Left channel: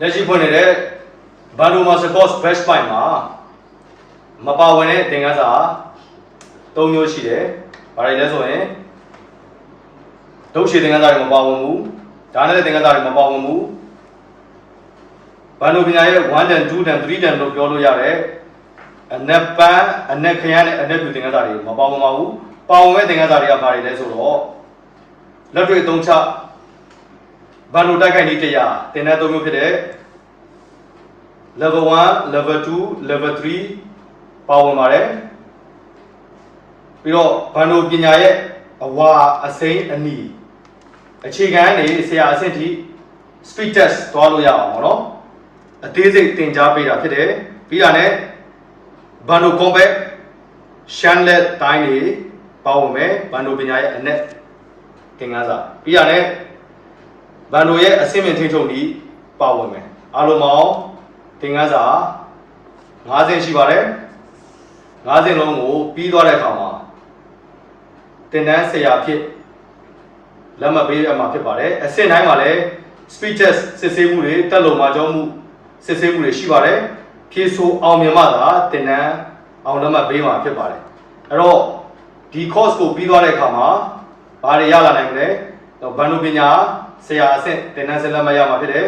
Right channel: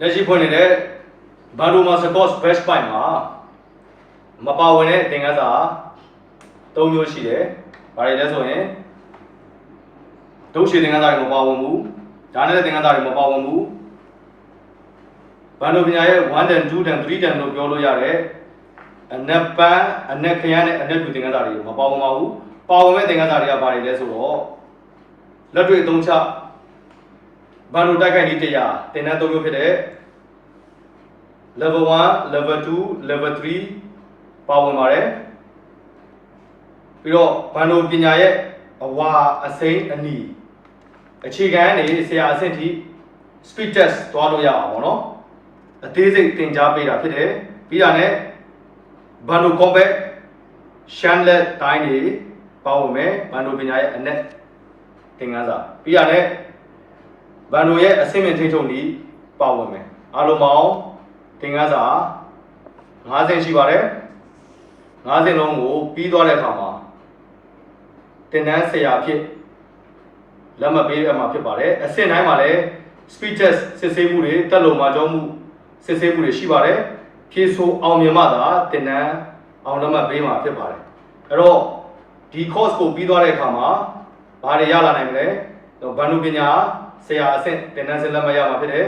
လက်ရှိဖွင့်နေတဲ့ Bando Master Course Best Buy မှာမပါဝင်တဲ့သင်ခန်းစာ၃မျိုးရှိတယ်။ဘာတွေလဲဆိုရင်ဒုတ်ရှိသင်ခန်းစာတွေမပါဝင်ဘူး။ဒါနဲ့လည်းသင်ခန်းစာတွေမပါဝင်ဘူး။ဘန်ဒိုပညာရဲ့1 dan 2 dan 3 dan လို့ပြောလို့ရတယ်။အနက်ပန်းအနက်ခရမ်းနဲ့အနက်ဖြူသင်ခန်းစာတွေမပါဝင်ပါဘူး။ပါဝင်မဲ့သင်ခန်းစာတွေကဘာတွေလဲဆိုတော့လက်တွေ့အသုံးချ ဘန်ဒိုတိုက်ခိုက်နည်းတရားသင်တန်း၃မျိုးဖြစ်တဲ့ level 1 level 2 level 3ပါဝင်ပါတယ်ပြီးတော့ဘန်ဒိုပညာရဲ့အဝါအစိမ်းအနီအခြေခံနေဆရာအဆင့်ထိ speed test သွားလို့ရအောင်ပေါ့နော်အသေးစိတ်သင်ကြားပေးတာဖြစ်တယ်ပြီးတာနဲ့ဘန်ဒို combat shanlet တိုင်းတွေပါဝင်မယ်ဘန်ဒိုပညာရဲ့အနက်သင်ခန်းစာပြီးတာနဲ့ ဘန်ဒိုရဲ့အဆင့်မြင့်ထိန်းချုပ်နည်းပါဝင်မယ်အားလုံးပေါင်းသင်ခန်းစာ9ဆင့်ရှိပါတယ်9ဆင့်လုံးကိုပြီးသွားတဲ့အခါမှာသင်တန်းဆရာဖြစ်လက်မှတ်ပေးအမှာဖြစ်ပါတယ်အဆင့်တိုင်းမှာလည်း speech test စစ်ဆေးမှုတွေတက်လုံမှာကြောမှုစစ်ဆေးမှုတွေရှိပါတယ်ဖြေဆိုအောင်မြင်မှသာသင်တန်းအောင်လက်မှတ်ပေးမှာဖြစ်ပါတယ်အဲ့တော့ဒီ course ကိုပြီးသွားတဲ့အခါမှာဘာတွေရလာနိုင်မလဲတော့ဘန်ဒုပညာ ဆရာအဆင့်သင်တန်းဆင်လက်မှတ်ရမှာဖြစ်တယ်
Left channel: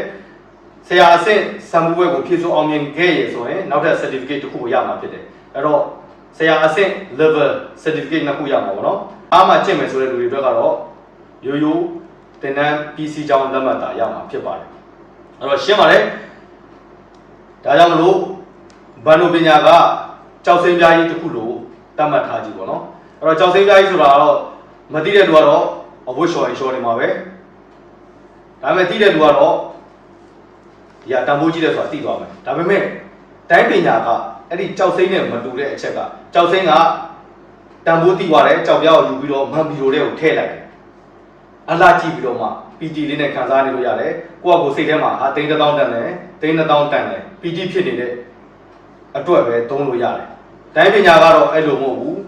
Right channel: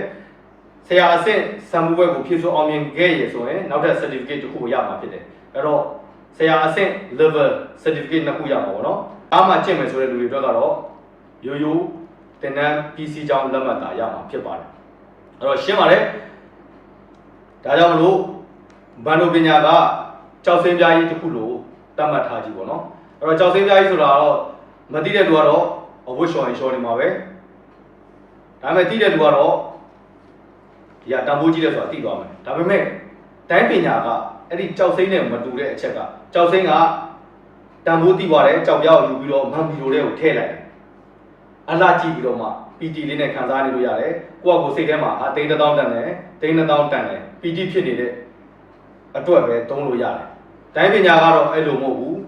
ဆရာအဆင့်စံမှုဘွဲကိုဖြည့်ဆို့အောင်မြင်ခဲ့ရဆိုရင်နောက်ထပ် certificate တစ်ခုကိုရမှာဖြစ်တယ်အဲ့တော့ဆရာအဆင့် level certificate နှစ်ခုရမှာပေါ့နော်အားမှကျင့်မယ်ဆိုတဲ့လူတွေအတွက်ကတော့ရိုးရိုးသင်တန်း PC ကြောင်းလက်မှတ်သာရမှာဖြစ်ပါတယ်အဲ့တော့ရှင်းပါတယ်ဒါကြောင့်မလို့ဘန်ဒိုပညာကကြောက်စင်းပြားကြီးတစ်ခုလို့တတ်မှတ်ထားကြည့်ပေါ့နော်အဲ့တော့ကြောက်စင်းပြားကြီးဆိုတာကတော့မသိတဲ့လူကတော့အဝတ်လျှော်ရင်လျှော်နေမှာပဲ ဒါပေမဲ့သိတဲ့လူကတော့ဒီကတန်ဖိုးကြီးတယ်ဆိုတာသိသွားမယ်ဒါပေမဲ့တိုင်းပညာကအဲ့ဒီကြောက်စိမ့်နဲ့မတူတဲ့အချက်ကကြောက်စိမ့်ကတန်ဖိုးသိသွားတယ်ကြောက်ပြားကိုယူပြီးတော့မန်မီရိုတဲ့ကိုထည့်လိုက်တယ်အလားကြည့်ပြီးတော့မှ PT လေးနဲ့ခံစားနေလို့ရတယ်ကိုယ့်အကိုစိတ်ထဲမှာဟာသိန်းတစ်သောင်းတန်တယ်သိန်းတစ်သောင်းတန်တယ် PT ဖြစ်နေတဲ့အတွက်ပဲသုံးလို့ရတယ်တိုင်းပညာကတော့အဲ့လိုမဟုတ်ဘူး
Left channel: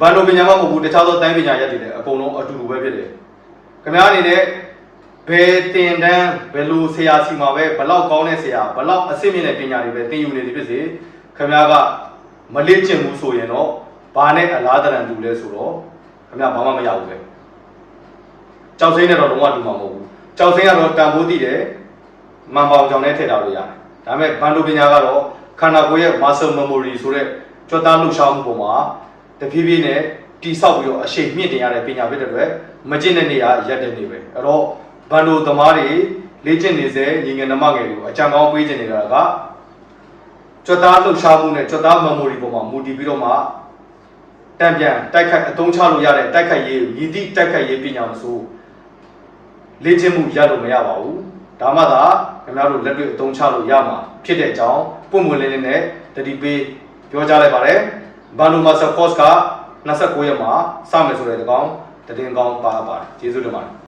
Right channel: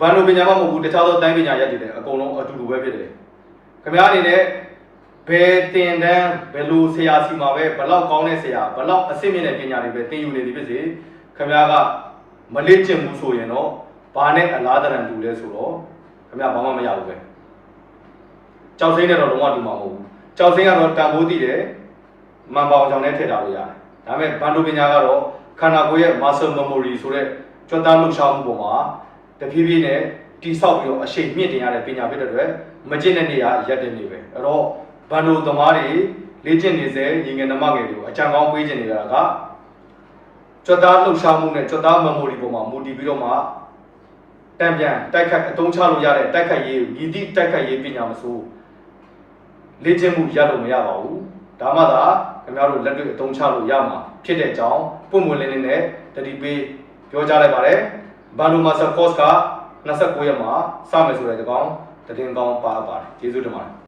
ဘန်လိုပညာမှမဟုတ်ဘူးတခြားသောတိုင်းပညာရက်တွေလည်းအကုန်လုံးအတူတူပဲဖြစ်တယ်ခင်ဗျားအနေနဲ့ ဘယ်တင်တန်းဘယ်လိုဆရာစီမှာပဲဘလောက်ကောင်းတဲ့ဆရာဘလောက်အဆင့်မြင့်တဲ့ပညာတွေပဲသင်ယူနေသည်ဖြစ်စေခင်ဗျားကမလေ့ကျင့်ဘူးဆိုရင်တော့ဘာနဲ့အလားတရံတူလဲဆိုတော့ခင်ဗျားဘာမှမရဘူးပဲကြောက်စိမ့်နဲ့တော့လုံးဝတူမှာမဟုတ်ဘူးကြောက်စိမ့်ကတော့တန်ဖိုးတည်တယ်မန်ပေါင်ကြောင့်လည်းထည့်ထားလို့ရတယ်ဒါပေမဲ့ဘန်ဒိုပညာကတော့ခန္ဓာကိုယ်ရဲ့ muscle memory ဆိုတဲ့ကြွက်သားလှုပ်ရှားမှုပေါ်မှာတဖြည်းဖြည်းနဲ့တိဆောက်ပြီးတော့အရှိန်မြင့်တင်ရတဲ့ပညာဖြစ်တဲ့အတွက်မကျင့်တဲ့နေရာရက်တဲ့နေပဲအဲ့တော့ ဘန်ဒိုသမားတွေလေ့ကျင့်နေစေညီငယ်နှမငယ်တွေကိုအကြံကောင်းပေးခြင်းနေတာကကြွက်သားလှုပ်ရှားမှုနဲ့ကြွက်သား memory ပေါ်မှာမူတည်ပြီးတော့မှတံပြန်တိုက်ခိုက်အသုံးချလို့ရတဲ့တိုက်ခိုက်ရေးရည်သည့်တိုက်ခိုက်ရေးပညာမဆိုလေ့ကျင့်မှုရလို့မရပါဘူးဒါမှသာခင်ဗျားတို့လက်တွေ့အသုံးချလို့ရမှာဖြစ်တဲ့အကြောင်းပုံမှန်လင်းလင်းနဲ့တတိပေးပြောကြားလိုက်ပါတယ်ဘန်ဒိုမာဆာကော့စ်က29ရက်မှာစမယ်ဆိုတဲ့တကောင်တည်င်းကောင်းပါပါတယ်ကျေးဇူးတင်ပါတယ်